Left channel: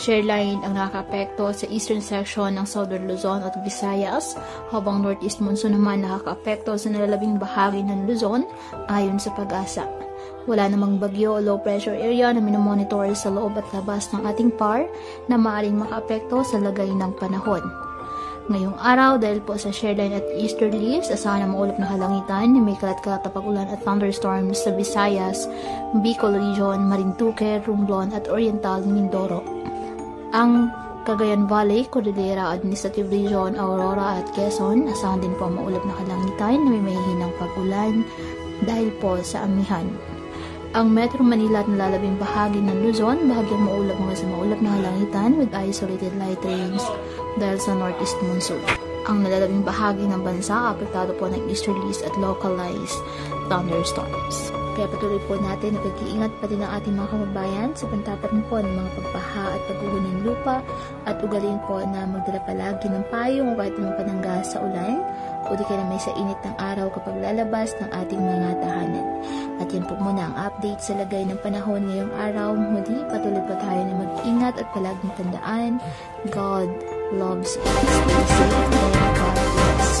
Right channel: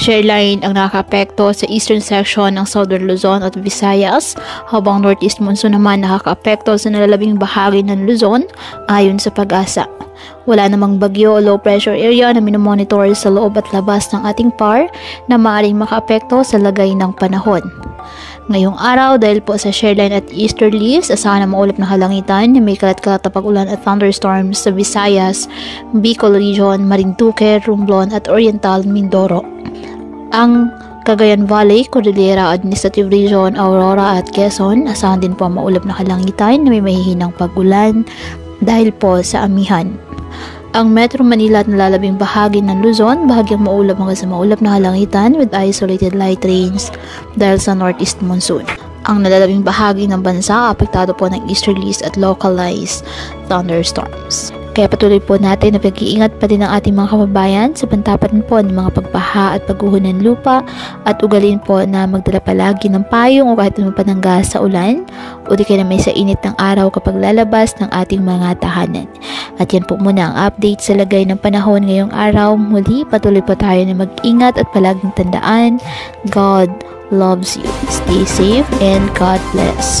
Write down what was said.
Shear line ang nakakaapekto sa eastern section ng Southern Luzon at Visayas, habang northeast monsoon naman nakakaapekto sa nalalabing bahagi ng Luzon ayon sa Pag-asa. Wala namang bagyo o low pressure area na minomonitor sa loob at labas ng ating PAR na maaaring makaapekto sa lagay ng panahon. Ngayong araw, dahil po sa shear line at easterlies, asahan na maulap na kalangitan na may kalat-kalat na pag-ulan at thunderstorms sa Visayas, Bicol Region, Marinduque, Romblon at Oriental Mindoro. Ang Cagayan Valley, Cordillera Administrative Region, Aurora at Quezon, asahan din po ang maulap na kalangitan na may mahihinang pag-ulan dahil po sa amihan. Ang Metro Manila at nalalabing bahagi ng Luzon, bahagyang maulap hanggang sa maulap na kalangitan with isolated light rains dahil sa northeast monsoon. Ang nalalabing bahagi ng bansa, apektado po ng easterlies at localized thunderstorms. Kaya patuloy po natin na pag-iingat pa din ang ating mga kababayan sa pantapat po ng mga pagbaha at pagguho ng lupa at ugalin po na magdala palagi ng payong o kahit anong panangga sa ulan o di kaya na may sa init ng araw kapag lalabas ng ating mga tahanan. At yan po muna ang update sa lagay ng panahon ngayong araw. Muli patuloy po tayo na mag-ingat at palaging tandaan, God loves you. Stay safe and God bless.